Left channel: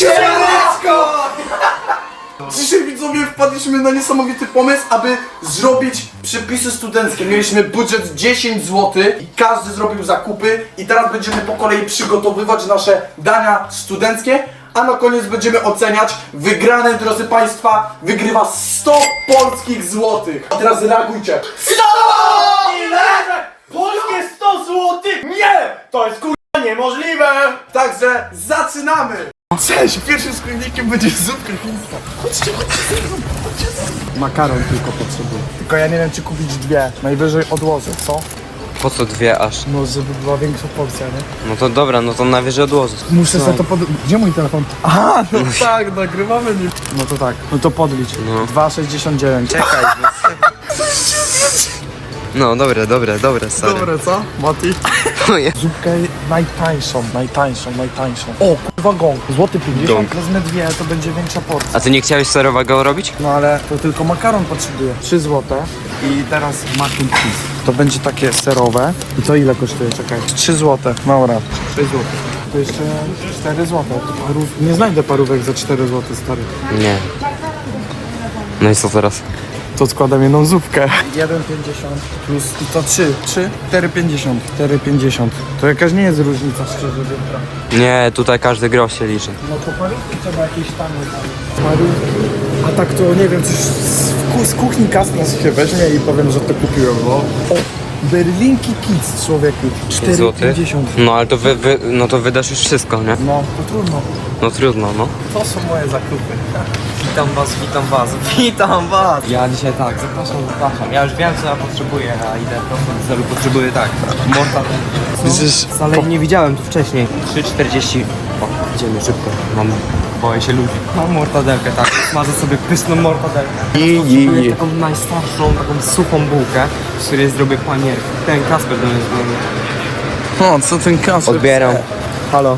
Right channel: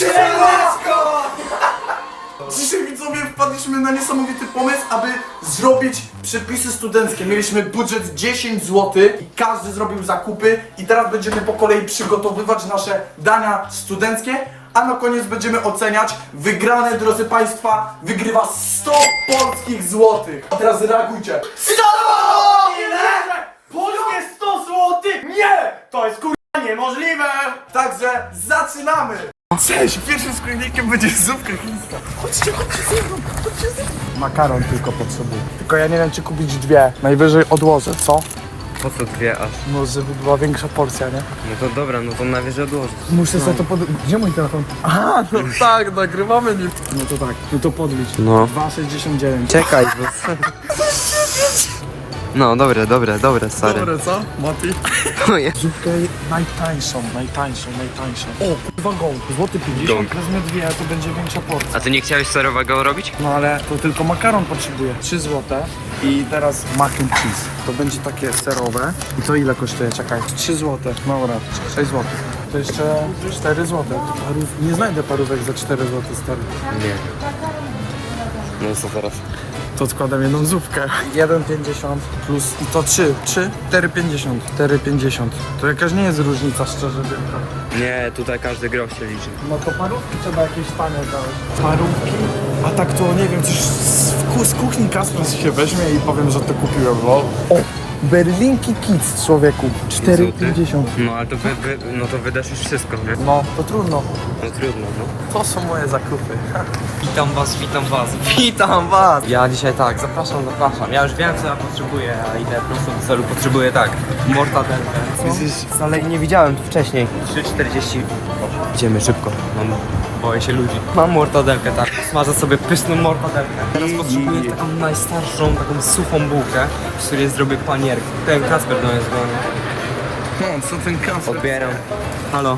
Siemaneczko! Dzisiaj widzowie wpadliśmy na niesamowity pomysł, aby zrobić przepisy studenckie. Mieliśmy budżet 10 zł i każdy zrobił zakupy i teraz będziemy po kolei przygotowywać nasze dania studenckie, a na koniec będziemy oceniać. Wygrane, drodzy Państwa, wygrywa 100 polskich złotych. A teraz reagujcie. 100! Ile? Polskie 100 zł? Nie! To jest kurwa niemożliwe! Także zaczynamy! Cześć! Pierwszym składnikiem będzie zupka chińska. Chodźcie, chodźcie chodźcie. Makaron tylko potrzebuję. Tylko ja nie wiem, czy kupić dwie. Najwyżej odłożę, co? Po co dwie aż? No, żeby była większa porcja, nie? No to dobra, no to na wieży odłożę. Muszę sobie to pod... Gdzie mój telefon? Aha, no tak, nagrywamy nim. No to tak, no to podlicz. No. 2,69. Czekaj, bo... No dobre, dobre, dobre, stary. Dobre, co? Mati? Oje. Zupkę najtańszą, najtańszą, najtańszą. O, kurwa gąk. Złoty 50. Gąk. Wezmę dwie, to będzie większa porcja. A ty nie chciałeś serowego robić? No ale to tylko makaron potrzebuję. 3 złote. I teraz mac and cheese. To będzie takie serowe. I to ile kosztuje? Czekaj. 3 złote. Maura. 6 złotych. To jeszcze 4 złote. Parów... Nie znajdę parówek za 4 złote, stary. Nie. No i co teraz? To składam jedną zupkę. 1,50 plus i to 3. 3? 4,50. 4,50. To jakaś nie jest różnica, szczerze wielka. Nie, tutaj każdy grosz się liczy. No to parówki trzeba jakieś tanie dać. Parówki? A tak to nie wiem, coś z, z kuchni Kaspras się weźmie i powiem, że to kupiłem, bo... Berlinki Kids, człowieku. 4,50. No ale to wy, wy, no to wydasz już wszystko, nie? No, to trudno. No trudno, no. To są moje zakupy. Witam was, witam was, witam was! Ja dzisiaj tak, zapraszam, zapraszam. Ja już wiem co ja potrzebuję, a idę prosto do celu. Potrzebuję tak, mortadelkę. Widzisz, Wcale nie widziałem tu wcześniej. 3,40. O, idziemy szybko, mam... Boję się ludzi. Mam mortadelkę, tak. Smażę sobie pyszną mortadelkę. Teraz potrzebuję taką najstarszą, taką suchą bułkę, z której zrobię panierkę. Ten Kasper do mnie dzwoni. o, co ten Kasper? Odbieram. Halo.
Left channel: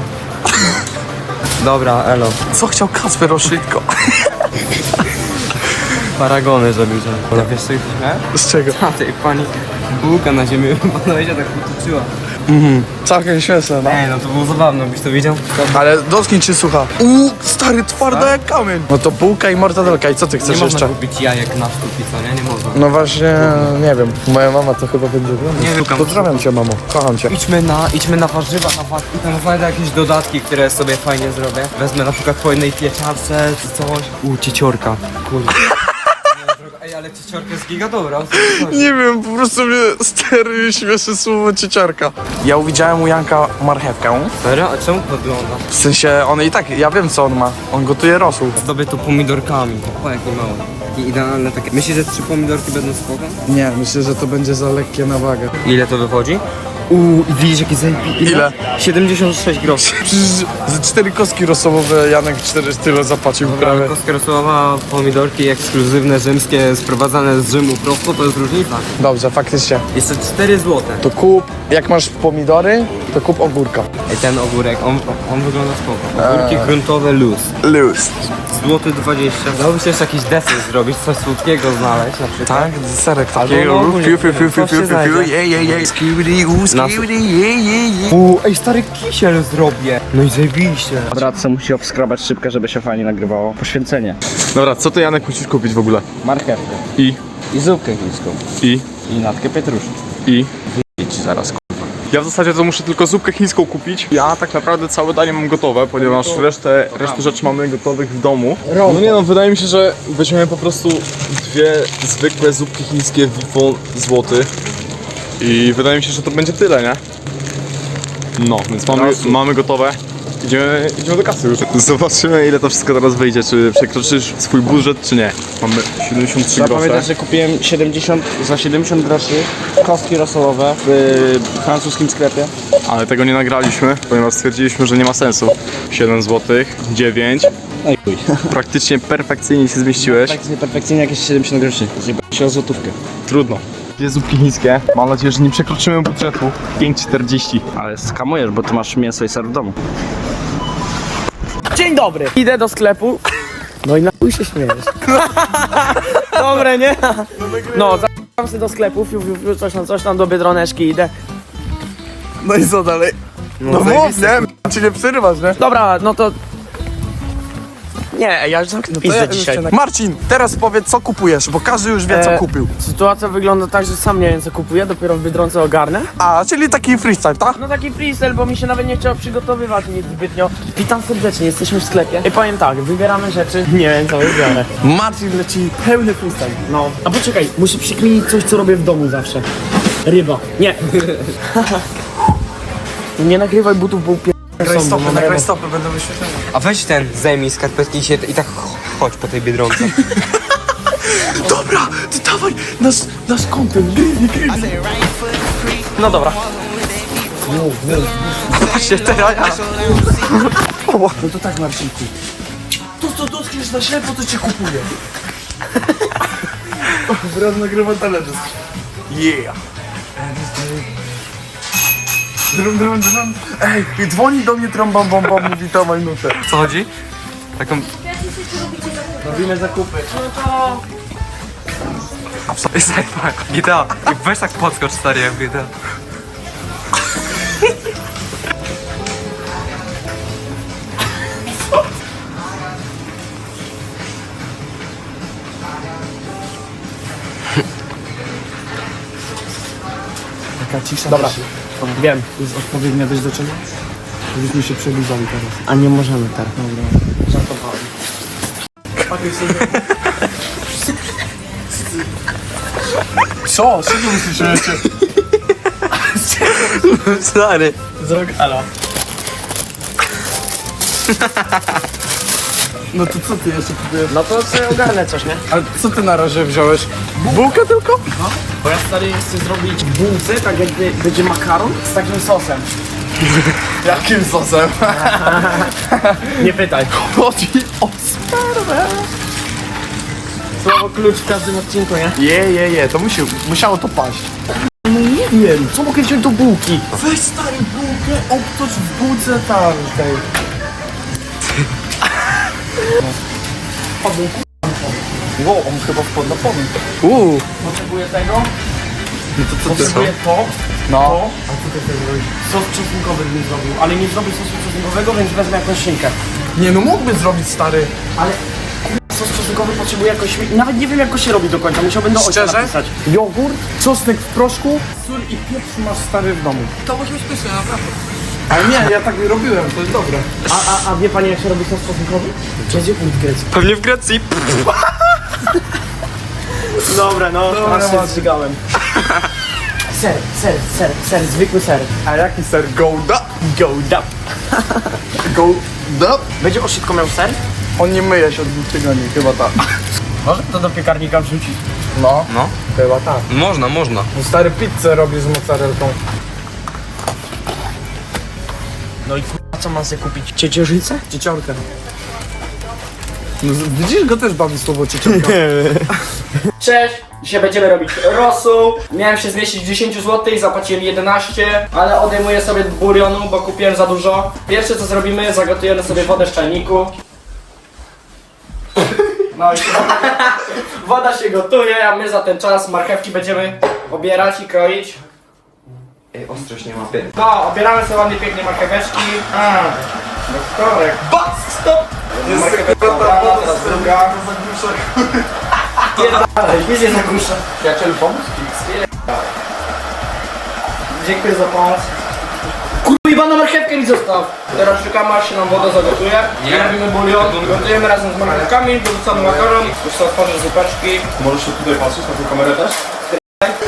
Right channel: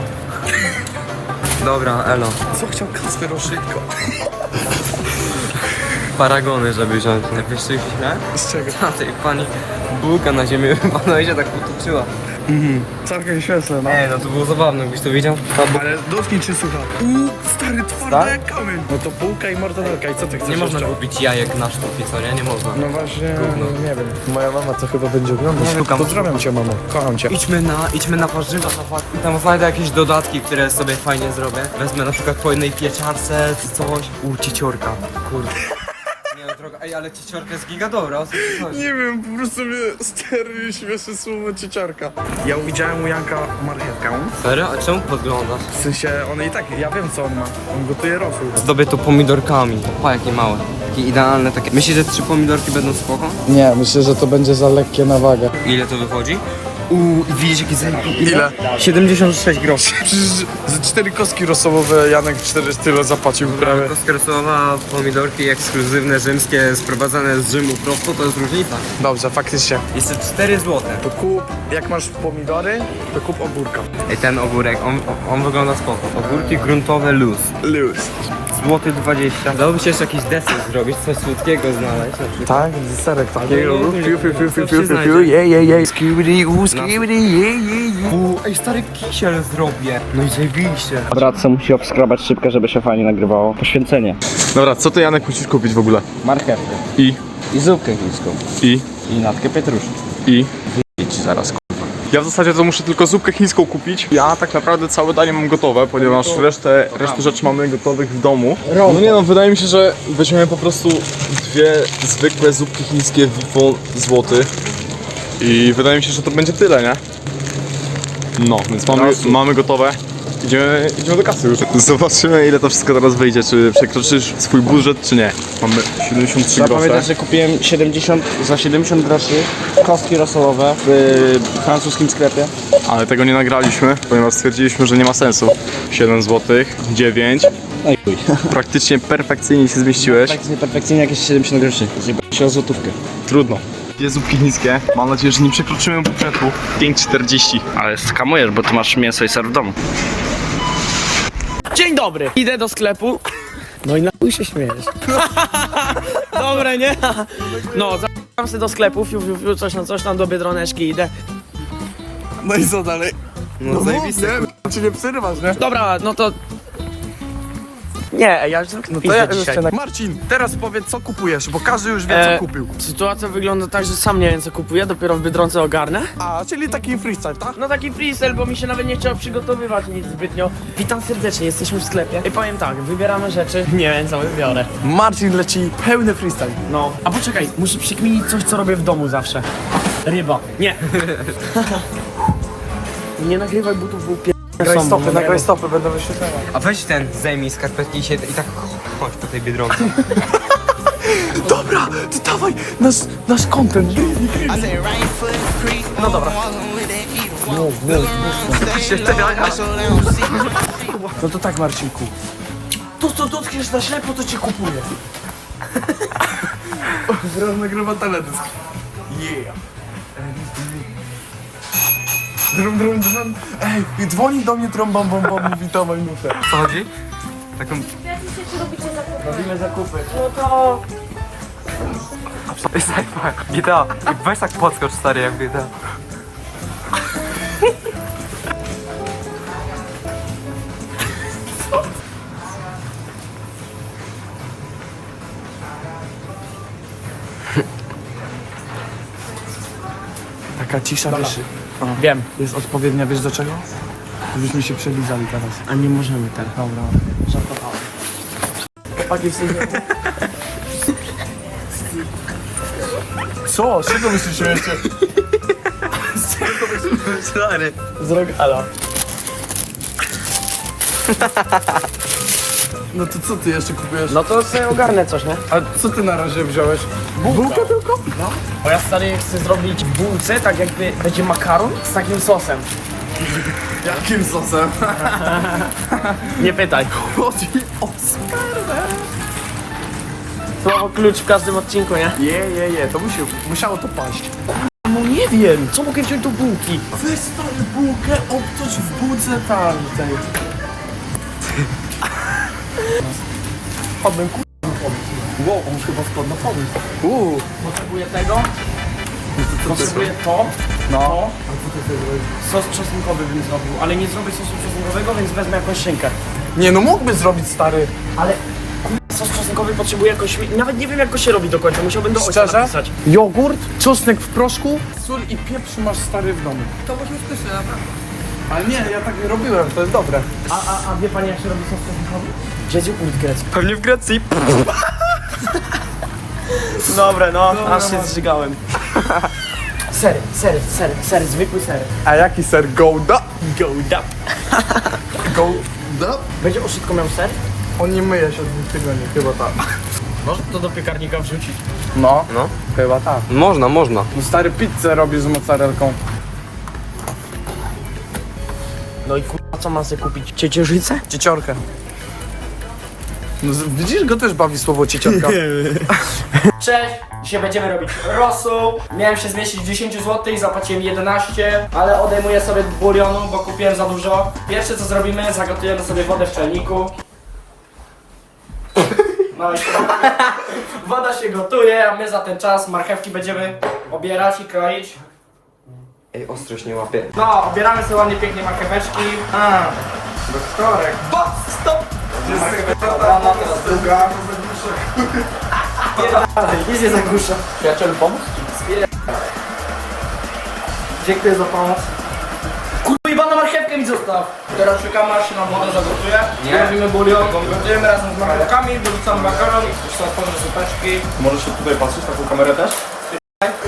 Dobra, elo. Co chciał Kasper o szybko? Paragony, żeby wziąć. No wiesz co ich źle? Z czego? A tej pani bułka na ziemi chyba się tak potoczyła. Całkiem śmieszne, no. Ej, no to było zabawne, byś to widział? To Ale dotknij czy słucha. Uuu, stary, twarda jak kamień. No to bułka i mortadelka i co ty nie chcesz można jeszcze? kupić jajek na sztuki, co nie? Nie można. No właśnie, nie wiem. Moja mama to chyba będzie oglądać. Nie wiem, kam- Pozdrawiam cię, mamo. Kocham cię. Idźmy na, idźmy na warzywa, na i tam znajdę jakieś dodatki, które sobie fajnie zrobię. Wezmę na przykład po jednej pieczarce czy coś. U, cieciorka. Kurde. Ale cieciorka jest giga dobra. o co tu chodzi? Nie wiem, po prostu mnie stary śmieszy słowo cieciarka. Ja widziałem u Janka marchewkę. Serio? A czemu podglądasz? W sensie, on i tak, ja wiem co on ma. On gotuje rosół. Zdobię to pomidorkami. O, jakie małe. Takie idealne, takie. Myślisz, że trzy pomidorki będą spoko? Nie, myślę, że to będzie za lekkie na wagę. Ile to wychodzi? Uuu, i widzisz jakie zajebiste. Ile? 76 groszy. Z cztery kostki rosołowe Janek cztery tyle zapłacił prawie. Kostka rosołowa, pomidorki ekskluzywne, rzymskie, sprowadzane z Rzymu prosto, to jest różnica. Dobrze, faktycznie. Jeszcze 4 złote. To kup, jak masz pomidory, to kup ogórka. Ej, ten ogórek, on, on wygląda spoko. Ogórki gruntowe luz. Luz. Złoty 20. Dałoby się jeszcze jakiś deser zrobić, coś słodkiego znaleźć na przykład. Tak, serek takiego. Albo ogólnie, Fiu, fiu, fiu, fiu, co się fiu, fiu, znajdzie? fiu, je, je, je. Skibidi, u, skibidi, je, je, je. Uuu, ej, stary kisiel zrobię. No i zajebiście. Brat se musi obskrobać szybkę, żeby się fajnie nagrywało. Poświęcenie. Dobra, co ty Janek musisz kupić w ogóle? Marchewkę. I, I zupkę chińską. i, I natkę pietruszki. i. Idź zaraz. Ja w zasadzie to muszę tylko zupkę chińską kupić. Ja tak naprawdę całe danie mam gotowe, ponieważ resztę, resztę rzeczy mamy gotowych w domu. No nie no, wydaje mi się, że weźmiemy po prostu dwie zwykłe zupki chińskie Vivon złoty. I wydaje mi się, że to będzie tyle, nie? No, więc mamy, mamy gotowe. Idziemy, idziemy do kasy już. Zobaczymy ile to wszystko teraz wyjdzie, czy przekroczysz swój budżet, czy nie. Mamy 73 Trzeba grosze. pamiętać, że kupiłem 70, za 70 groszy kostki rosołowe w y, francuskim sklepie. Ale tego nie nagraliśmy, ponieważ stwierdziliśmy, że nie ma sensu. 7 zł, 9. No i chuj. Praktycznie perfekcyjnie się zmieściłeś. Praktycznie perfekcyjnie jakieś 70 groszy. Zjebałem się o złotówkę. Trudno. Dwie zupki chińskie. Mam nadzieję, że nie przekroczymy budżetu. 5,40. Ale skamujesz, bo ty masz mięso i ser w domu. Dzień dobry! Idę do sklepu. No i na chuj się śmiejesz. Dobre, nie? No, zapraszam się do sklepu, fiu, fiu, fiu, coś tam, coś tam, do Biedroneczki idę. No i co dalej? No, No mów, zajebiste. nie? Ci nie przerywasz, nie? Dobra, no to Nie, ja już zamknę pizdę dzisiaj. Marcin, teraz powiedz co kupujesz, bo każdy już wie E, co kupił. Sytuacja wygląda tak, że sam nie wiem co kupuję, dopiero w Biedronce ogarnę. A, czyli taki freestyle, tak? No taki freestyle, bo mi się nawet nie chciało przygotowywać nic zbytnio. Witam serdecznie, jesteśmy w sklepie. I powiem tak, wybieramy rzeczy, nie wiem co wybiorę. Marcin leci pełny freestyle. No, a poczekaj, muszę przykminić coś, co robię w domu zawsze. Ryba. Nie. nie nagrywaj butów, bo upier... są, bo mam ryba. stopy będą wyświetlenia. A weź ten, zajmij skarpetki i, się, i tak ch- chodź po tej Biedronce. Dobra, to dawaj, nasz, nasz kąpem. No dobra. No to tak Marcinku. To co dotkniesz na ślepo, to cię kupuję. Wraz nagrywa teledysk. Yeah. Drum, drum, drum. Ej, dzwoni do mnie trąba bomba, mówi dawaj nutę. Co chodzi? Taką... Robimy zakupy. No to... Jest jak GTA. Weź tak podskocz stary jak GTA. Taka cisza. Dobra. Wiem. Jest odpowiednia, wiesz do czego? Żebyśmy się przelizali teraz. A nie możemy teraz. Co? Co wy usłyszeliście? Stary. Z Rogala. No to co ty jeszcze kupujesz? No to sobie ogarnę coś, nie? A co ty na razie wziąłeś? Bułkę tylko? Bo ja stary chcę zrobić bułce, tak jakby będzie makaron z takim sosem. Jakim sosem? Nie pytaj. Chodzi o smarwę. Słowo klucz w każdym odcinku, nie? Je, je, je, to musi, musiało to paść. No nie wiem, co mogę wziąć do bułki? Weź stary bułkę, obtoć w bułce tam tej. No. Wow, on chyba wpadł na pomysł. Uuu. Potrzebuję tego. Potrzebuję to. No. To. Sos czosnkowy bym zrobił, ale nie zrobię sosu czosnkowego, więc wezmę jakąś szynkę. Nie no, mógłby zrobić stary. Ale sos czosnkowy potrzebuje jakoś... Nawet nie wiem jak go się robi do końca, musiałbym do ojca Szczerze? napisać. Jogurt, czosnek w proszku, sól i pieprz masz stary w domu. To musi być pyszne, naprawdę. Ale nie, ja tak robiłem, to jest dobre. A, a, a wie pani jak się robi sos czosnkowy? Będzie ut grecki. Pewnie w Grecji. Dobra, no, aż się zżygałem. Ser, ser, ser, ser, zwykły ser. A jaki ser Gouda? Go up. Gouda? Będzie oszybko miał ser? On nie myje się od dwóch tygodni, chyba tak. Może to do piekarnika wrzucić? No, No. chyba tak. Można, można. Stary pizzę robi z mozzarellką. No i kurwa, co mam sobie kupić? Ciecierzycę? Cieciorkę. No, z- widzisz, go też bawi słowo cieciorka. Cześć! Dzisiaj będziemy robić rosół. Miałem się zmieścić w 10 zł, zapłaciłem 11, ale odejmuję sobie bulionu, bo kupiłem za dużo. Pierwsze co zrobimy, zagotujemy sobie wodę w czajniku. No i woda się gotuje, a my za ten czas marchewki będziemy obierać i kroić. Ej, ostrość nie łapie. No, obieramy sobie ładnie pięknie marcheweczki. A, do korek. Bas, stop! Druga. Nic nie zagłuszę. Przyjaciel pomóc? Dziękuję za pomoc. Kurwa, na marchewkę mi zostaw! Teraz szukamy, aż się nam woda zagotuje. Nie. Robimy bulion, gotujemy razem z marchewkami, dorzucamy makaron, już są otworzę zupeczki. Możesz się tutaj patrzeć na tę kamerę też?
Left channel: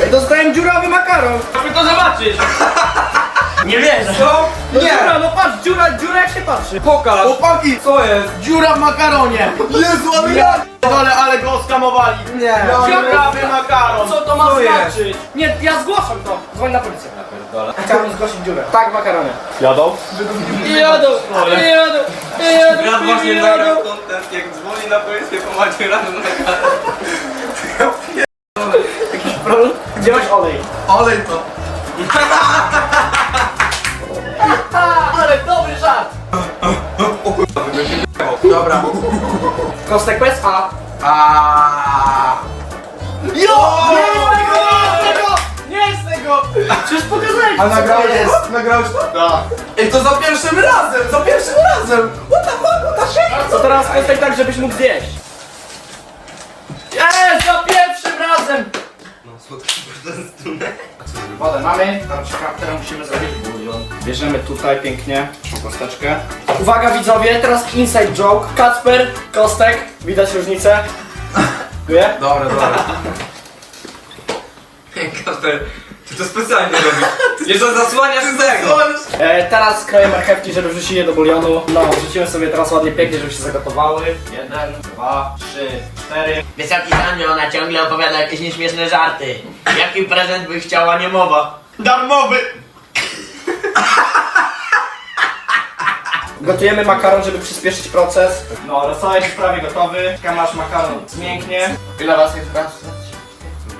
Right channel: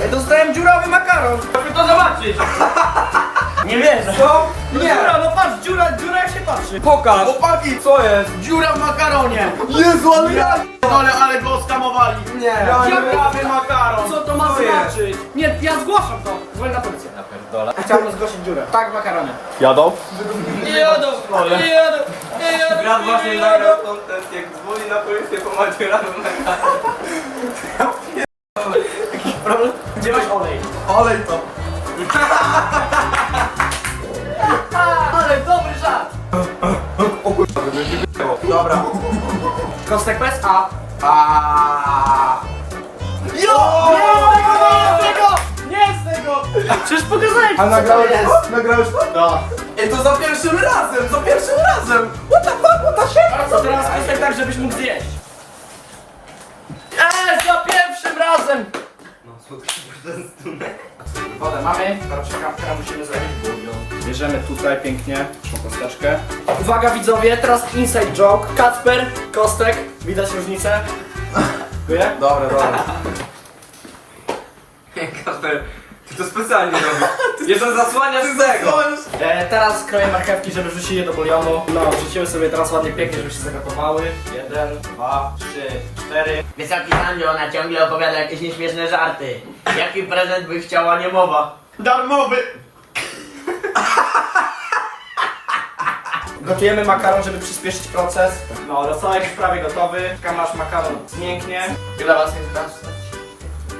Ej, dostałem dziurawy makaron! Chcę to zobaczyć! Nie wierzę. Co? No dziura, no patrz, dziura, dziura jak się patrzy. Pokaż! Chłopaki! Co jest? Dziura w makaronie! Jezu, ale ja... Dole, ale go oskamowali. Nie. Dziurawy makaron! Co to ma znaczyć? Nie, ja zgłaszam to! Dzwoń na policję. Chciałbym zgłosić dziurę. Tak, w makaronie. Jadą? Jadą! Jadą! Jadą! Brat właśnie jadą. nagrał content, jak dzwoni na policję po macie rano na Gdzie masz olej? Olej to. Dobra. Kostek bez A. A. Jo! Nie z tego! Nie z tego! Przecież pokazałeś A co to nagrałeś jest! to? Nagrałeś to? Ej, to za pierwszym razem, za pierwszym razem! What the fuck, the shit? Co teraz kostek tak, żebyś mógł zjeść. Eee, za pierwszym razem! Wodę mamy, teraz musimy zrobić bulion. Bierzemy tutaj pięknie naszą kosteczkę. Uwaga widzowie, teraz inside joke. Kacper, kostek, widać różnicę? Dziękuję. Dobra, dobra. Kasper, to specjalnie robisz. Jeszcze zasłaniasz z tego. E, teraz kroję marchewki, żeby wrzucić je do bulionu. No, wrzucimy sobie teraz ładnie pięknie, żeby się zagotowały. Jeden, dwa, trzy, cztery. Wysoki Sanio, ona ciągle opowiada jakieś nieśmieszne żarty. Jaki prezent by chciała niemowa? Darmowy! Gotujemy makaron, żeby przyspieszyć proces. No, rosołek już prawie gotowy. Tam nasz makaron zmięknie. Ile was jest teraz?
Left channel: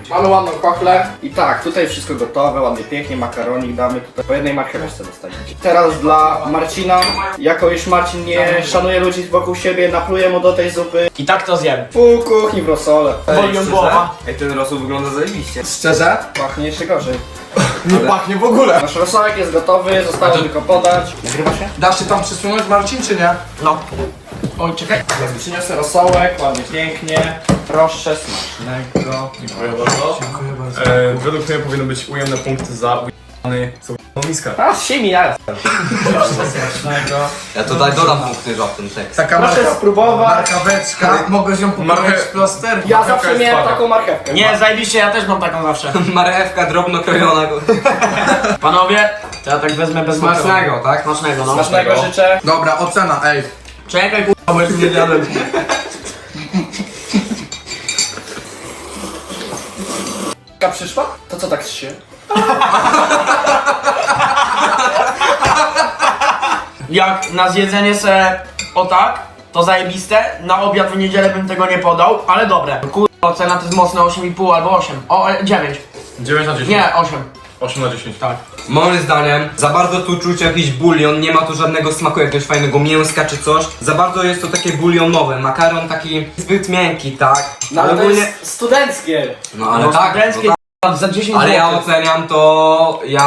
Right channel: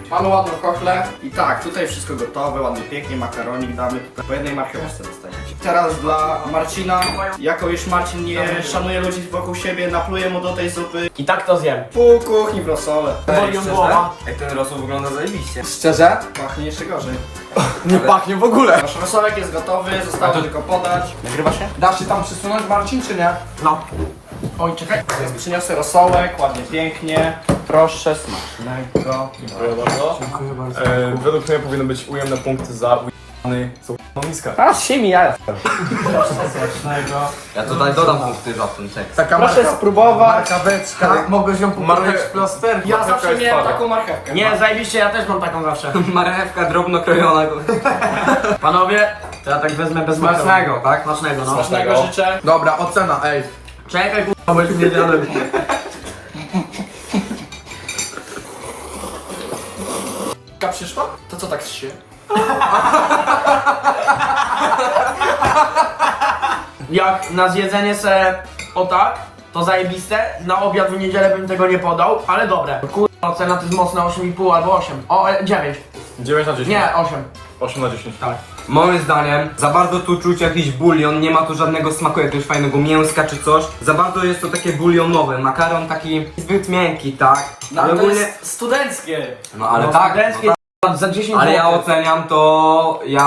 Mamy ładną kochlę. I tak, tutaj wszystko gotowe, ładnie, pięknie, makaronik damy tutaj. Po jednej marchewce dostaniecie. Teraz dla Marcina, jako już Marcin nie szanuje ludzi wokół siebie, napluję mu do tej zupy. I tak to zjem. Pół kuchni w rosole. Bolią głowa. Ej, ten rosół wygląda zajebiście. Szczerze? Pachnie jeszcze gorzej. Nie pachnie w ogóle. Nasz rosołek jest gotowy, zostało tylko podać. Nagrywa się? Dasz się tam przysunąć Marcin, czy nie? No. Oj, czekaj. Przyniosę rosołek, ładnie, pięknie. Proszę, smacznego. Dziękuję bardzo. Dziękuję bardzo. E, według mnie powinny być ujemne punkty za ujemny miskę. A, simi ja. Proszę, smacznego. Ja tutaj dodam punkty za ten tekst. Taka Proszę marka, spróbować. markaweczka. Mogłeś ją pokroić w plaster? Ja zawsze jest miałem fajna. taką marchewkę. Nie, zajebiście, ja też mam taką zawsze. Marchewka drobno krojona. Panowie, to ja tak wezmę bez Smacznego, tak? Smacznego, no. Smacznego życzę. Dobra, ocena, ej. Czekaj, kurwa, bo jeszcze nie zjadłem. Przyszła? To co tak się? Jak na zjedzenie se o tak, to zajebiste. Na obiad w niedzielę bym tego nie podał, ale dobre. Kurwa, cena to jest mocne 8,5 albo 8. O, e, 9. 9 na 10. Nie, 8. 8 na 10. Tak. Moim zdaniem, za bardzo tu czuć jakiś bulion, nie ma tu żadnego smaku jakiegoś fajnego mięska czy coś. Za bardzo jest to takie bulionowe, makaron taki zbyt miękki, tak? No ale to ogólnie, jest studenckie. no ale no, tak, studenckie, no, k***a, za 10 tak. ale ja oceniam to, ja...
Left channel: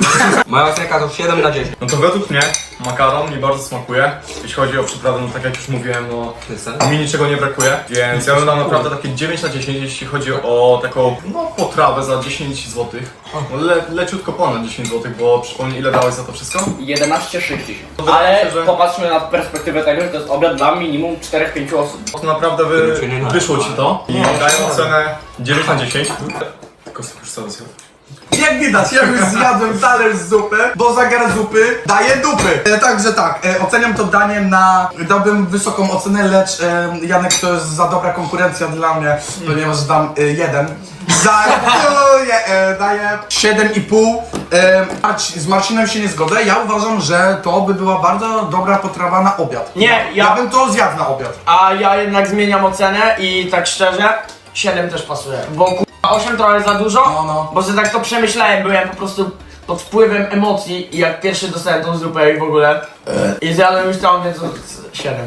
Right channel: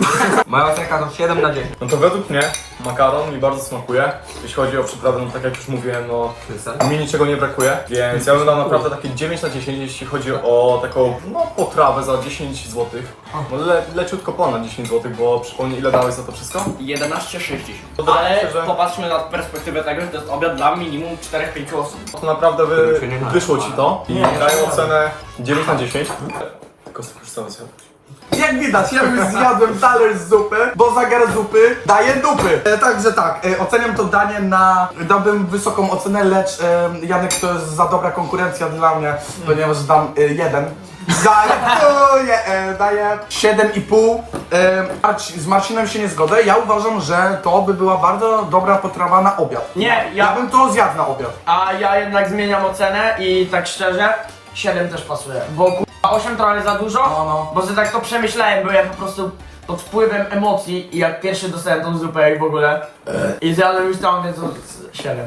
Moja ocenka to 7 na 10. No to według mnie makaron mi bardzo smakuje. Jeśli chodzi o przyprawę, no tak jak już mówiłem, no mi niczego nie brakuje, więc ja bym dał naprawdę takie 9 na 10, jeśli chodzi o taką no, potrawę za 10 zł. No, le, leciutko ponad 10 zł, bo przypomnij ile dałeś za to wszystko? 11,60. Dobra, Ale że- popatrzmy na perspektywę tego, że to jest obiad dla minimum 4-5 osób. To naprawdę wy, wyszło ci to i daję ocenę 9 na 10. Kostek już cały zjadł. Jak widać, ja już zjadłem talerz zupy, bo za gar zupy daje dupy. E, także tak, e, oceniam to daniem na... Dałbym wysoką ocenę, lecz e, Janek to jest za dobra konkurencja dla mnie, ponieważ dam e, jeden. Je, e, daję 7,5. E, Marci- z Marcinem się nie zgodzę. Ja uważam, że to by była bardzo dobra potrawa na obiad. Nie, ja, ja- bym to zjadł na obiad. A ja jednak zmieniam ocenę i tak szczerze, 7 też pasuje. Bo 8 trochę za dużo, No, no. bo sobie tak to przemyślałem, byłem po prostu pod wpływem emocji i jak pierwszy dostałem tą zupę i w ogóle i zjadłem już tam, więc 7.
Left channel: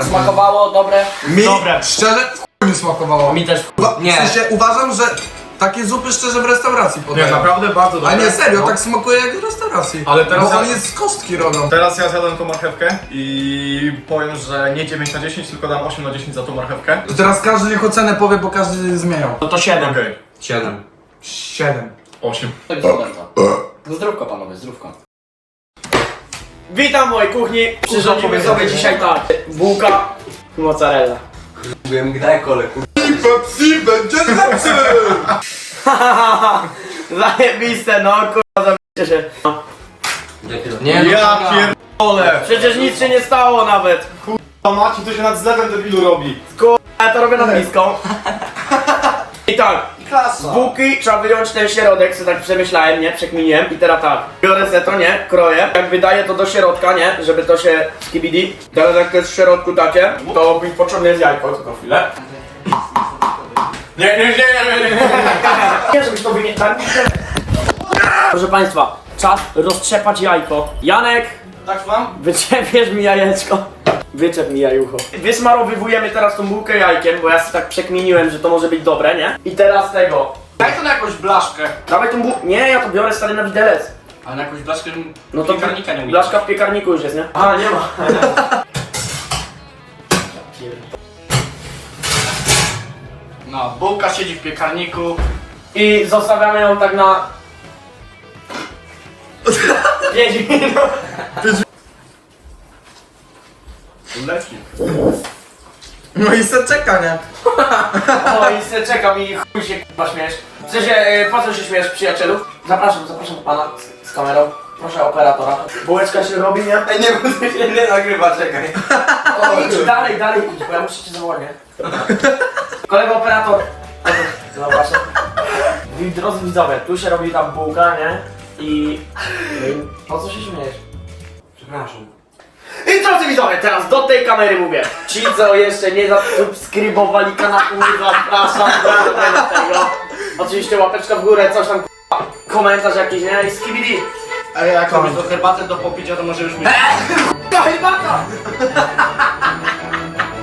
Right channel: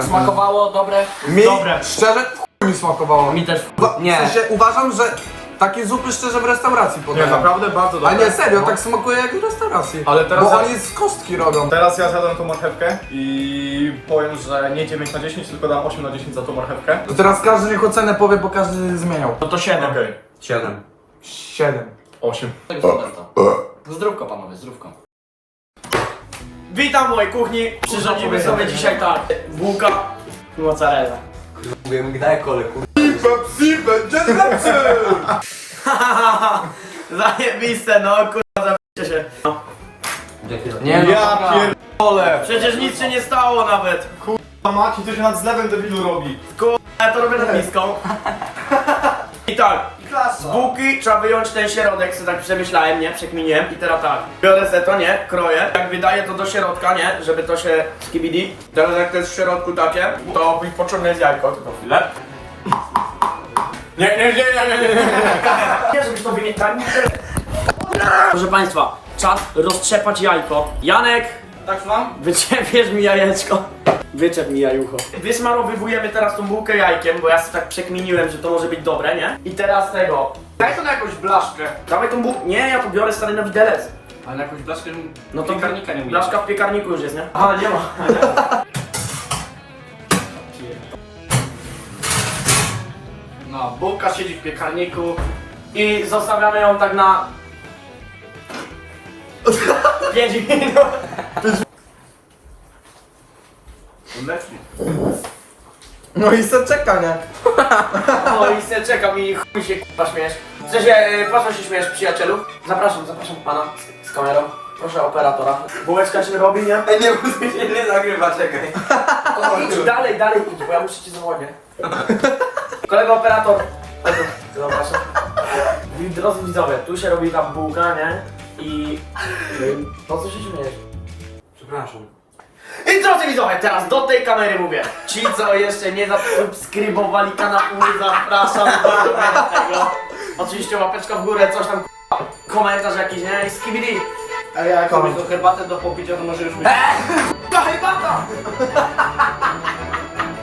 Smakowało, dobre. Mi, Dobre. szczerze, w chuj mi smakowało. Mi też Nie. W sensie uważam, że takie zupy szczerze w restauracji Nie, podają. naprawdę bardzo A dobre. nie, serio, No. tak smakuje jak w restauracji. Ale teraz Bo ja- on jest z kostki robią. Teraz ja zjadłem tą marchewkę i powiem, że nie 9 na 10, tylko dam 8 na 10 za tą marchewkę. To teraz każdy niech ocenę powie, bo każdy zmieniał. No to 7. Okej, 7. 7. 8. To jest studenta. Zdrówko panowie, zdrówko. Witam w mojej kuchni. Przyrządzimy sobie dzisiaj tak. Bułka i mozzarella. Pepsi będzie lepszy! Zajebiste, no kurwa, zabijcie się. Nie no, Ja dobra. pierdolę! Przecież nic się nie stało nawet. A Maci, to się nad zlewem debilu robi. Ja to robię na blisko. I tak, z bułki trzeba wyjąć ten środek, co tak przemyślałem, nie? Przekminiłem. I teraz tak, biorę se to, nie? Kroję. Jak wydaję to do środka, nie? Żeby to się skibidi. Teraz jak to jest w środku takie, to mi pociągnę z jajko, tylko chwilę. Nie, nie, nie, nie, nie, nie, nie. Nie, żebyś to wymienić tak. Proszę Państwa, czas roztrzepać jajko. Janek, Tak mam? Wyczepiesz mi jajeczko. Wyczep mi jajucho. Wysmarowywujemy teraz tą bułkę jajkiem, bo ja sobie tak przekminiłem, że to może być dobre, nie? I teraz tego. Daj to na jakąś blaszkę. Dawaj tą bułkę. Nie, ja to biorę stary na widelec. Ale na jakąś blaszkę No to piekarnika nie umiesz. Blaszka w piekarniku już jest, nie? A, nie ma. No, bułka siedzi w piekarniku. I zostawiamy ją tak na... 5 minut. Leci. No i se czeka, nie? O i se czekam i chuj się k***a śmiesz. W sensie, yy, po co się śmiesz przyjacielu? Zapraszam, zapraszam pana z, z kamerą. Proszę operatora. Bułeczka się robi, nie? Ej, nie, bo się nie nagrywa, czekaj. O, idź dalej, dalej idź, bo ja muszę cię zawołać, nie? Kolega operator. Zapraszam. Drodzy widzowie, tu się robi ta bułka, nie? I... i po co się śmiejesz? Przepraszam. I drodzy widzowie, teraz do tej kamery mówię. Ci, co jeszcze nie zasubskrybowali kanału, zapraszam do tego. Oczywiście łapeczka w górę, coś tam k***a, komentarz jakiś, nie? I skibidi. A jak robisz do herbaty do popicia, to może już myśleć. Ta herbata!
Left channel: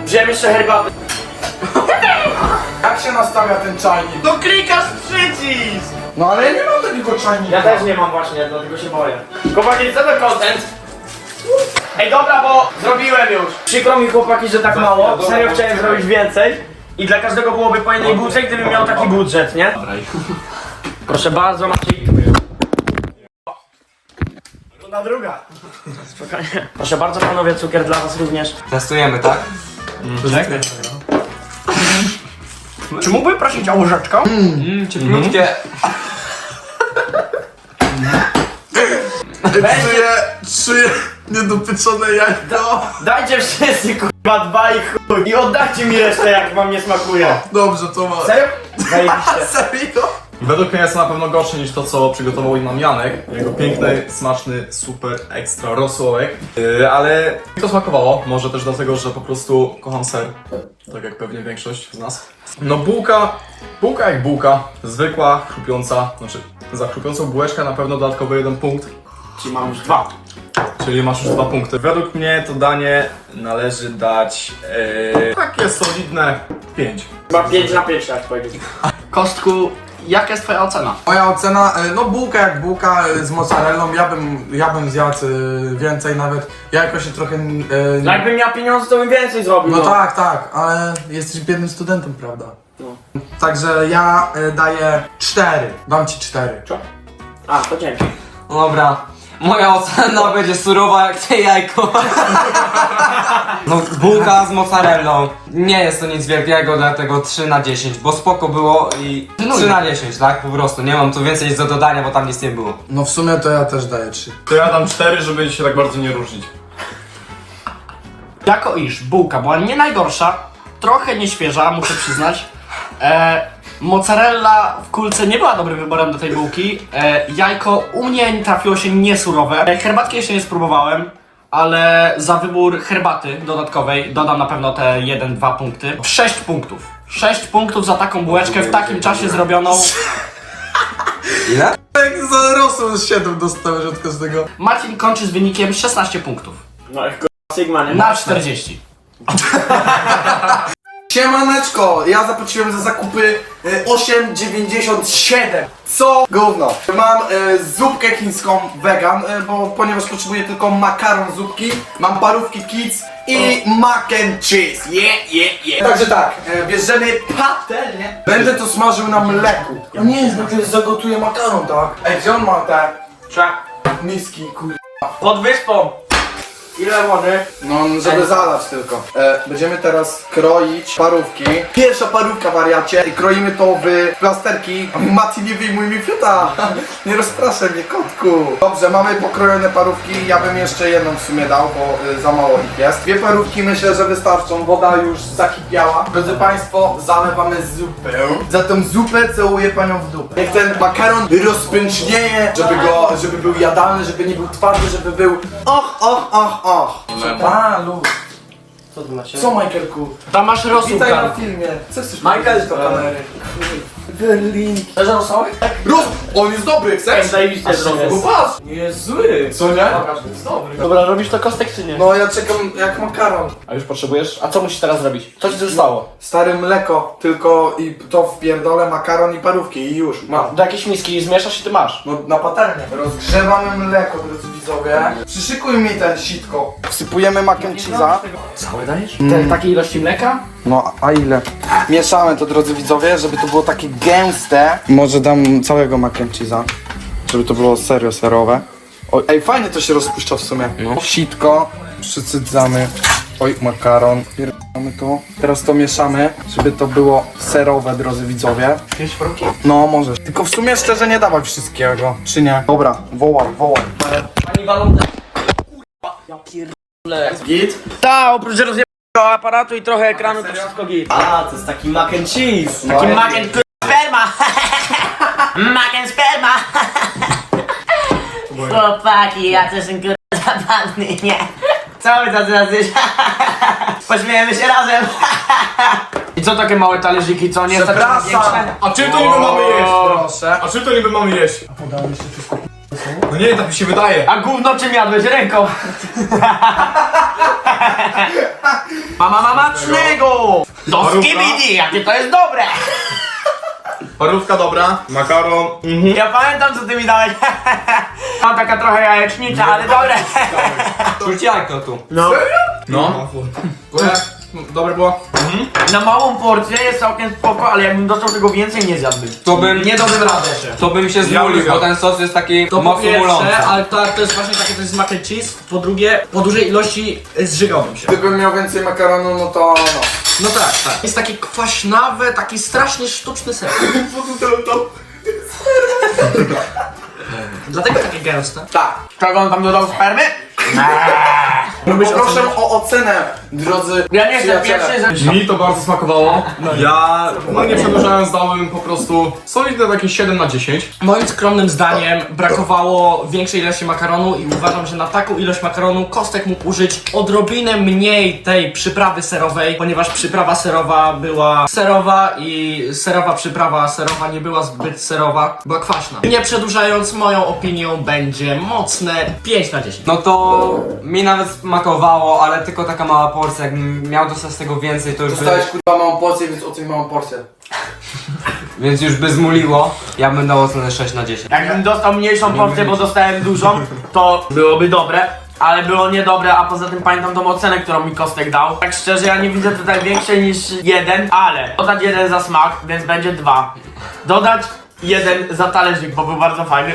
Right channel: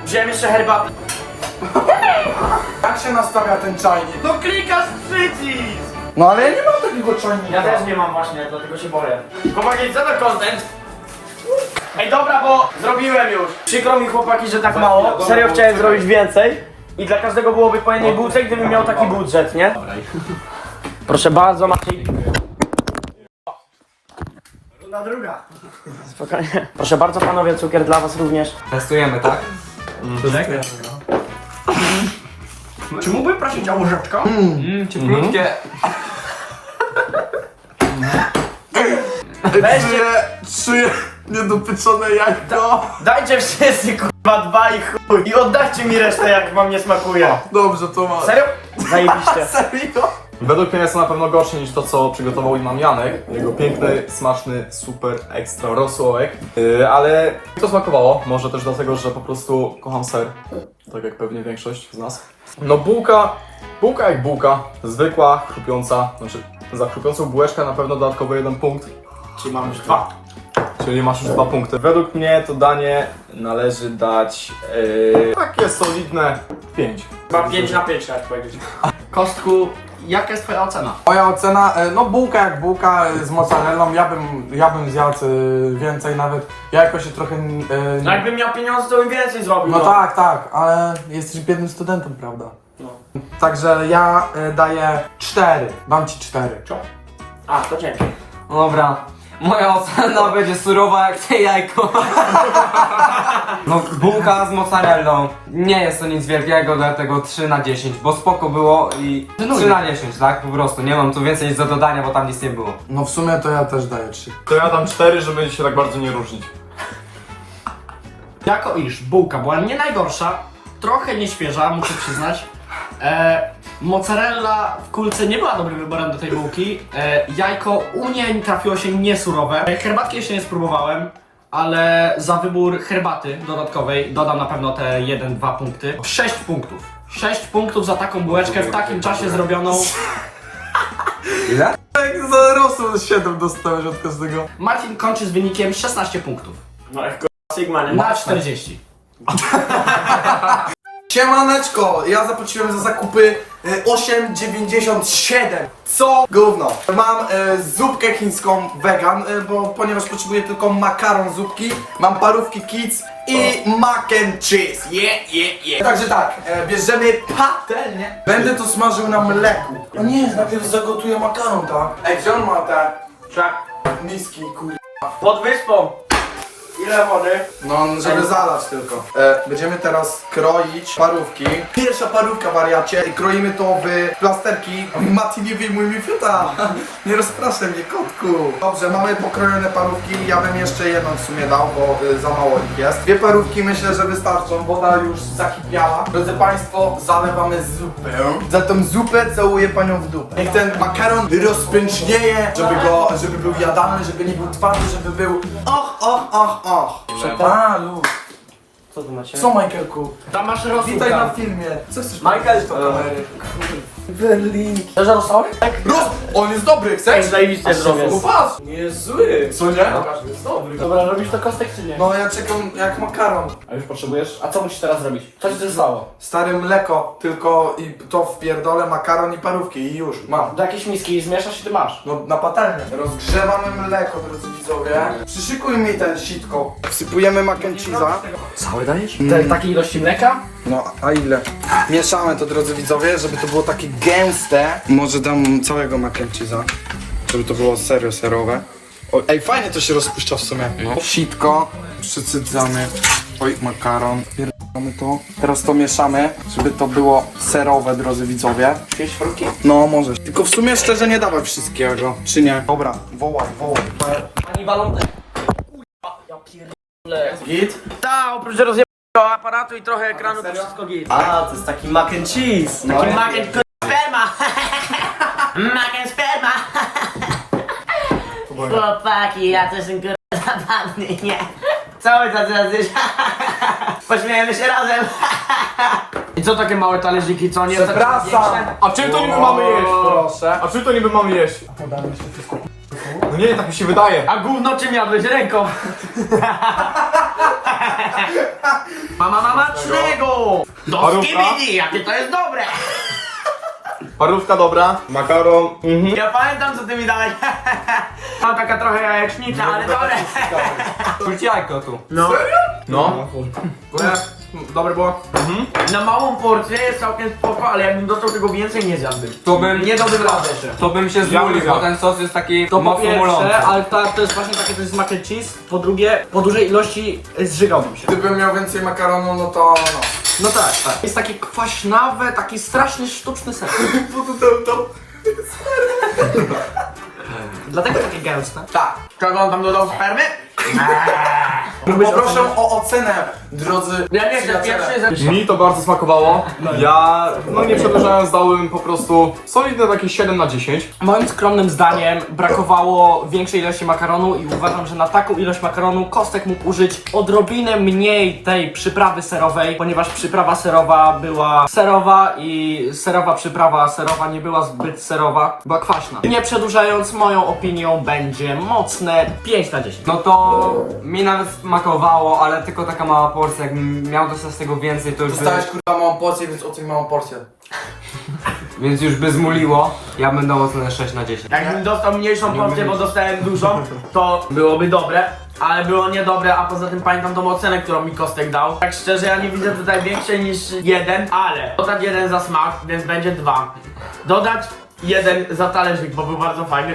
Wziąłem jeszcze herbatę. Jak się nastawia ten czajnik? No klikasz przycisk! No ale ja nie mam takiego czajnika. Ja też nie mam właśnie, dlatego się boję. Chłopaki, co to content? Ej dobra, bo zrobiłem już. Przykro mi chłopaki, że tak mało. Serio chciałem zrobić więcej. I dla każdego byłoby po jednej bułce, gdybym miał taki budżet, nie? Proszę bardzo, Maciej. Na druga. Spokojnie. Proszę bardzo panowie, cukier dla was również. Testujemy, tak? Czy mógłbym prosić o łyżeczkę? Mmm, cieplutkie. Czuję, czuję niedopyczone jajko. Dajcie wszyscy kurwa dwa i chuj. I oddajcie mi resztę jak wam nie smakuje. Dobrze, to ma. Serio? Zajebiście. Serio? Według mnie jest na pewno gorsze niż to, co przygotował im nam Janek. Jego piękny, smaczny, super, ekstra rosołek. Yy, ale mi to smakowało. Może też dlatego, że po prostu kocham ser. Tak jak pewnie większość z nas. No bułka, bułka jak bułka. Zwykła, chrupiąca. Znaczy, za chrupiącą bułeczkę na pewno dodatkowy jeden punkt. Czyli mam już dwa. Czyli masz już dwa punkty. Według mnie to danie należy dać yy, takie solidne 5. Chyba 5 na 5 tak powiedzieć. Kostku, jaka jest twoja ocena? Moja ocena, e, no bułka jak bułka e, z mozzarellą, ja bym, ja bym zjadł e, więcej nawet. Ja jakoś się trochę... e, No jakbym miał pieniądze, to bym więcej zrobił. No tak, tak, ale jesteś biednym studentem, prawda? Także ja e, daję 4. Dam ci 4. A, to dzięki. No Dobra. Moja ocena będzie surowa jak te jajko. No bułka z mozzarellą. Nie jest to nic wielkiego, dlatego 3 na 10, bo spoko było i 3 na 10, tak? Po prostu. Nie mam tu więcej nic do dodania, bo tam nic nie było. No w sumie to ja też daję 3. To ja dam 4, żeby się tak bardzo nie różnić. Jako iż bułka była nie najgorsza, trochę nieświeża, muszę przyznać. E, mozzarella w kulce nie była dobrym wyborem do tej bułki. E, jajko u mnie trafiło się niesurowe. E, herbatki jeszcze nie spróbowałem, ale za wybór herbaty dodatkowej dodam na pewno te 1-2 punkty. 6 punktów. 6 punktów za taką bułeczkę w takim czasie zrobioną. Ile? Jak za rosół 7 dostałeś od każdego. Marcin kończy z wynikiem 16 punktów. No jak Sigma, nie? Na 40. Siemaneczko, ja zapłaciłem za zakupy e, 8,97. Co? Gówno. Mam e, zupkę chińską vegan, e, bo ponieważ potrzebuję tylko makaron zupki, mam parówki kids i mac and cheese. Yeah, yeah, yeah. Także tak, e, bierzemy patelnię. Będę to smażył na mleku. Ja nie, najpierw zagotuję makaron, tak? Ej, gdzie on ma te Czak. miski, kur... Pod wyspą. Ile wody? No, żeby zalać tylko. E, będziemy teraz kroić parówki. Pierwsza parówka, wariacie. I kroimy to w plasterki. Mati, nie wyjmuj mi fiuta. nie rozpraszaj mnie, kotku. Dobrze, mamy pokrojone parówki. Ja bym jeszcze jedną w sumie dał, bo y, za mało ich jest. Dwie parówki myślę, że wystarczą. Woda już zakipiała. Drodzy Państwo, zalewamy zupę. Za tą zupę całuję Panią w dupę. Niech ten makaron rozpęcznieje, żeby go, żeby był jadalny, żeby nie był twardy, żeby był och, och, och, och. A, luz. Co to znaczy? Co, Michaelku? Tam masz Witaj na filmie. Co chcesz Michael, powiedzieć do kamery? Berlin. Też rosołek? Roz... On jest dobry, chcesz? Zajebiście zrobię. Popatrz. Nie jest zły. Co nie? Dobra, robisz to kostek czy nie? No ja czekam jak makaron. A już potrzebujesz? A co musisz teraz zrobić? Co ci zostało? Stare mleko, tylko i to wpierdolę, makaron i parówki i już, mam. Do jakiejś miski zmieszasz i ty masz. No na patelnię. Rozgrzewamy mleko, drodzy widzowie. Przyszykuj mi ten sitko. Wsypujemy mac and cheese'a. Dajesz? Te, takiej ilości mleka? No, a ile? Mieszamy to, drodzy widzowie, żeby to było takie gęste. Może dam całego mac and cheese'a, żeby to było serio serowe. O, ej, fajnie to się rozpuszcza w sumie. No. Sitko, przycydzamy. Oj, makaron. Pierdolamy to. Teraz to mieszamy, żeby to było serowe, drodzy widzowie. Jakieś fruki? No, możesz. Tylko w sumie szczerze nie dawaj wszystkiego, czy nie? Dobra, wołaj, wołaj. Ani walą Git? Tak, oprócz rozjebanego aparatu i trochę ekranu to wszystko git. A, to jest taki mac and cheese. Taki mac and k- sperma. mac and sperma. Chłopaki, ja też jestem kurwa zapadny, nie? Co wy tacy jacyś? Pośmiejemy się razem. I co takie małe talerzyki, co? Nie takie większe? A czym to niby mamy jeść? Proszę. A czym to niby mamy jeść? No nie, tak mi się wydaje. A gówno czym jadłeś? Ręką. Mama mamacznego! Do Parówka. skibidi, jakie to jest dobre! Parówka dobra, makaron. Ja pamiętam co ty mi dałeś. Mam taka trochę jajecznicza, ale dobre. Czuć jajko tu. No. No. Dobre było? Na małą porcję jest całkiem spoko, ale jakbym dostał tego więcej nie zjadłbym. To bym, Nie dałbym rady jeszcze. to bym się zmulił, Ja bo ten sos jest taki To po mocno mulący. pierwsze, ale to, to jest właśnie takie coś z mac and cheese. Po drugie, po dużej ilości y, zżygałbym się. Gdybym miał więcej makaronu, no to no. No tak, tak. Jest takie kwaśnawe, taki strasznie sztuczny ser. Dlatego takie gęste. Tak. Czego on tam dodał spermy? Proszę o ocenę, drodzy Ja nie chcę przyjaciele. pierwszy ze... Mi to bardzo smakowało. Ja, no nie przedłużając, dałbym po prostu solidne takie 7 na 10. Moim skromnym zdaniem brakowało większej ilości makaronu i uważam, że na taką ilość makaronu Kostek mógł użyć odrobinę mniej tej przyprawy serowej, ponieważ przyprawa serowa była serowa i serowa przyprawa serowa nie była zbyt serowa, była kwaśna. Nie przedłużając, moją opinią będzie mocne 5 na 10. No to mi nawet smakowało, ale tylko taka mała porcja. Jakbym miał dostać tego więcej, to już by, Dostałeś kurwa małą porcję, więc oceń małą porcję. więc już by zmuliło. Ja bym dał ocenę 6 na 10. Jakbym dostał mniejszą porcję, bo dostałem dużą, to byłoby dobre. Ale było niedobre, a poza tym pamiętam tą ocenę, którą mi Kostek dał. Tak szczerze, ja nie widzę tutaj większej niż jeden, ale dodać jeden za smak, więc będzie dwa. Dodać jeden za talerzyk, bo był bardzo fajny,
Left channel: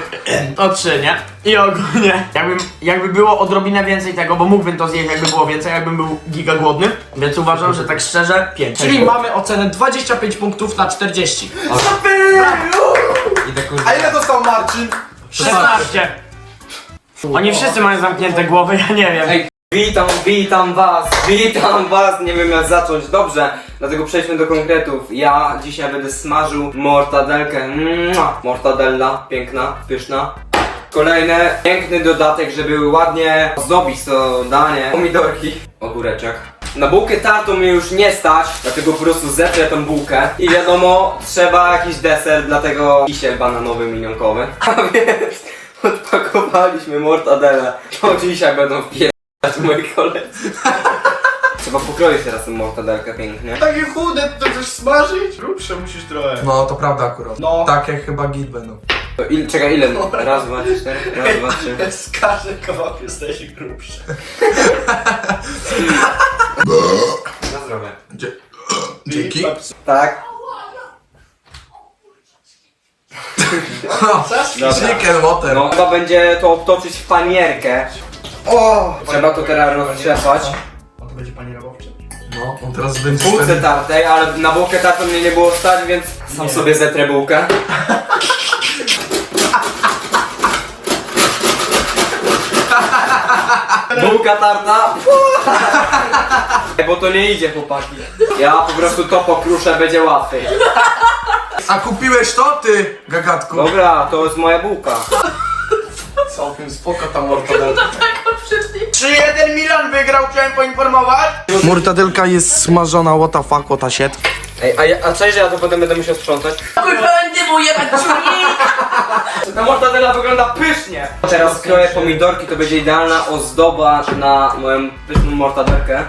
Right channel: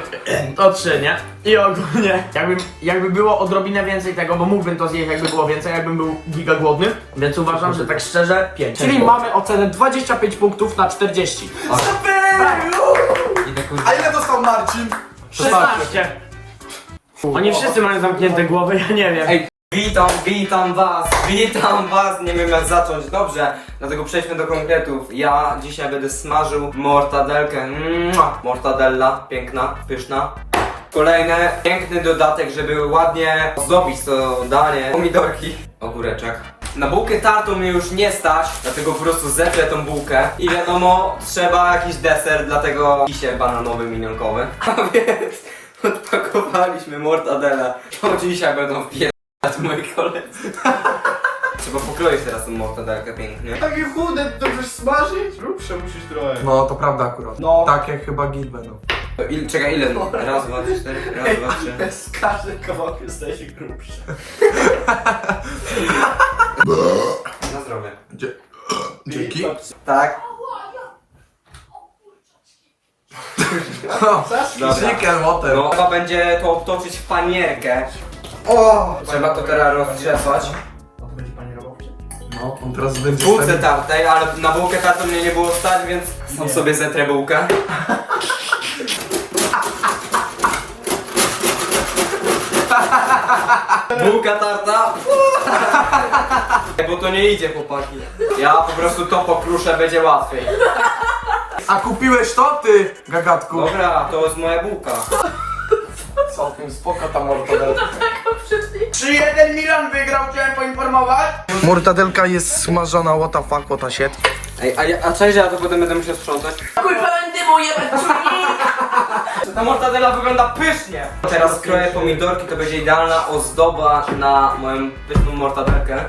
to trzy, nie? I ogólnie, jakbym, jakby było odrobinę więcej tego, bo mógłbym to zjeść, jakby było więcej, jakbym był giga głodny, więc uważam, że tak szczerze, pięć. Czyli mamy ocenę 25 punktów na 40. I tak kurwa. A ile dostał Marcin? 16. Oni wszyscy mają zamknięte głowy, ja nie wiem. Ej, witam, witam was, witam was, nie wiem jak zacząć, dobrze, dlatego przejdźmy do konkretów. Ja dzisiaj będę smażył mortadelkę, Mua. mortadella, piękna, pyszna. Kolejny piękny dodatek, żeby ładnie ozdobić to danie, pomidorki, ogóreczek. Na bułkę tartą mnie już nie stać, dlatego po prostu zetrę tą bułkę i wiadomo, trzeba jakiś deser, dlatego kisie bananowy, minionkowy. A więc odpakowaliśmy mortadele, to dzisiaj będą wpierać moi koledzy. Trzeba pokroić teraz tą mortadelkę pięknie. Takie chude, to chcesz smażyć? Grubsze musisz trochę. No to prawda akurat. No. Takie chyba git będą. To il, czekaj, ile? Raz, dwa, cztery, raz, dwa, trzy. Z każdym kawałkiem staje się grubszy. Na zdrowie. Dzięki. Tak. Chicken water. No, chyba będzie to obtoczyć w panierkę. O! Trzeba to teraz roztrzepać. On to będzie pani robowczy? No, on teraz będzie Bułce wtedy... tartej, ale na bułkę tartą mnie nie było stać, więc sam sobie zetrę bułkę. Bułka tarta. Bo to nie idzie chłopaki. Ja po prostu to pokruszę, będzie łatwiej. A kupiłeś to ty, gagatku? Dobra, to jest moja bułka. Całkiem spoko ta mortadela. Taką przyszli. 3-1 Milan wygrał, chciałem poinformować. Mortadelka jest smażona, what the fuck, what the shit. Ej, a, ja, a cześć, ja to potem będę musiał sprzątać. Kurwa, nie mu jebać Ta mortadela wygląda pysznie! Teraz kroję pomidorki, to będzie idealna ozdoba na moją pyszną mortadelkę.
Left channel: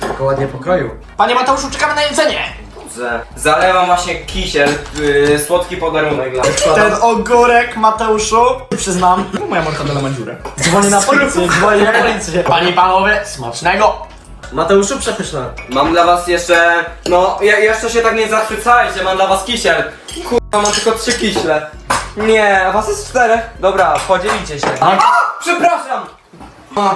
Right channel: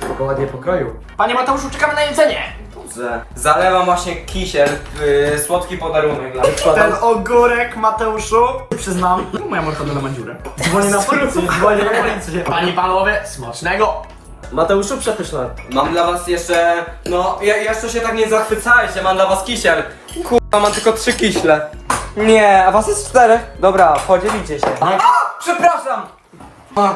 Tylko ładnie pokroju. Panie Mateuszu, czekamy na jedzenie! Z- Zalewam właśnie kisiel, yy, słodki podarunek dla Ten ogórek, Mateuszu, przyznam, no moja mortadela ma dziurę. Dzwonię na policję, dzwonię na policję. Panie i panowie, smacznego! Mateuszu, przepyszne. Mam dla was jeszcze, no ja, jeszcze się tak nie zachwycajcie, mam dla was kisiel. Kurwa, mam tylko trzy kiśle. Nie, a was jest czterech. Dobra, podzielicie się. A, przepraszam! A,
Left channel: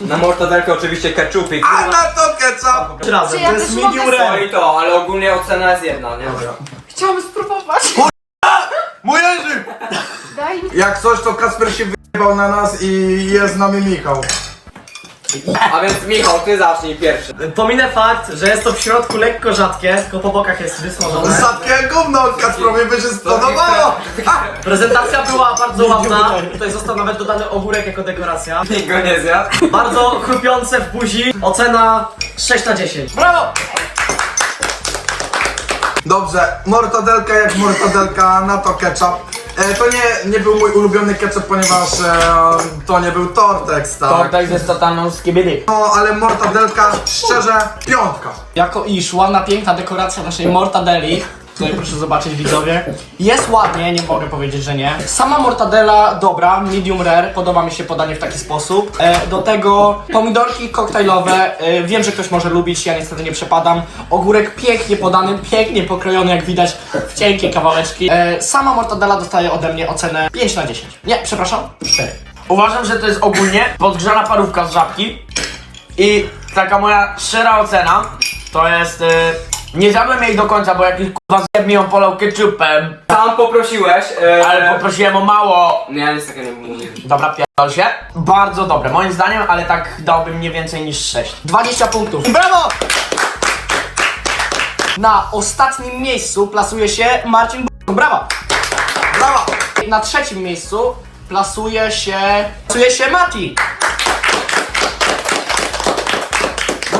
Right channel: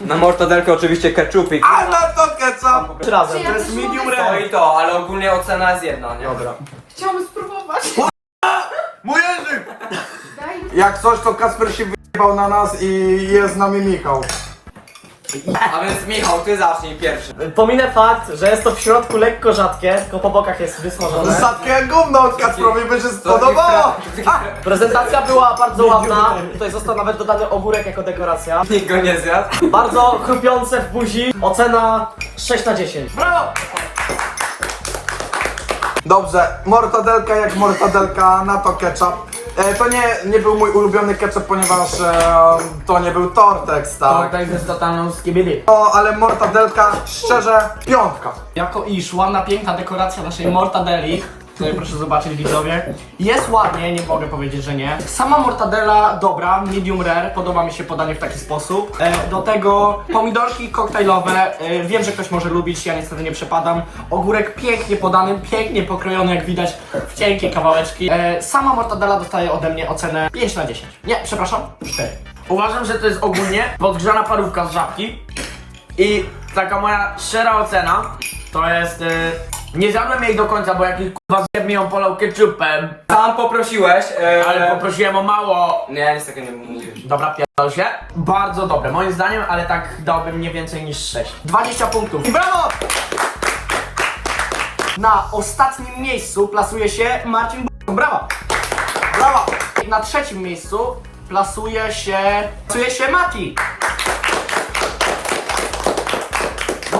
Na mortadelkę oczywiście ketchupik. A na to ketchup! Trzy razy, to jest medium To rare. i to, ale ogólnie ocena jest jedna, nie? Dobra. Mój Jerzy! Jak coś, to Kasper się wyjebał na nas i jest z nami Michał. A więc Michał, ty zacznij pierwszy. Pominę fakt, że jest to w środku lekko rzadkie, tylko po bokach jest wysmażone. Sadkie gówno, Kasprowi by się spodobało! Prezentacja była bardzo ładna. Tutaj został nawet dodany ogórek jako dekoracja. Nikt go nie zjadł. Bardzo chrupiące w buzi. Ocena 6 na 10. Brawo! Dobrze, mortadelka jak mortadelka, na to ketchup. E, to nie, nie był mój ulubiony ketchup, ponieważ e, to nie był Tortex, tak? To jest totalną skibidy. No, ale mortadelka, szczerze, piątka. Jako iż ładna, piękna dekoracja naszej mortadeli. Tutaj proszę zobaczyć widzowie. Jest ładnie, nie mogę powiedzieć, że nie. Sama mortadela dobra, medium rare, podoba mi się podanie w taki sposób. E, do tego pomidorki koktajlowe, e, wiem, że ktoś może lubić, ja niestety nie przepadam. Ogórek pięknie podany, pięknie pokrojony, jak widać, w cienkie kawałeczki. E, sama mortadela dostaje ode mnie ocenę 5 na 10. Nie, przepraszam, 4. Uważam, że to jest ogólnie podgrzana parówka z żabki i taka moja szczera ocena to jest... Y, nie zjadłem jej do końca, bo jakiś kurwa zjeb mi ją polał ketchupem, Tam poprosiłeś, e, ale poprosiłem o mało. Nie, niestety nie mówię. Dobra, pierdol się. Bardzo dobre, moim zdaniem, ale tak dałbym nie więcej niż 6. 20 punktów. Brawo! Na ostatnim miejscu plasuje się Marcin B. Brawo! Brawo! Na trzecim miejscu plasuje się... plasuje się Mati.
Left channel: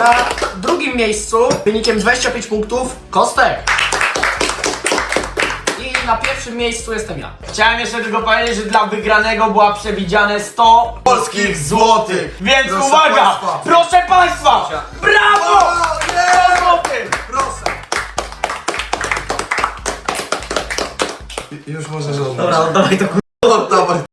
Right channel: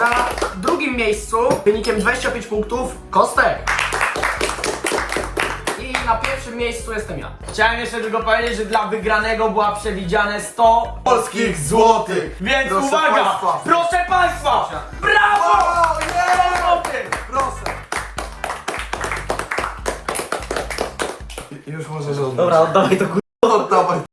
Na drugim miejscu wynikiem 25 punktów Kostek. I na pierwszym miejscu jestem ja. Chciałem jeszcze tylko powiedzieć, że dla wygranego była przewidziane 100 Polskich złotych! Więc Proszę uwaga! państwa. Proszę Państwa! Brawo! O, nie! 100 złotych! Proszę! Już możesz oddać. Dobra, oddawaj to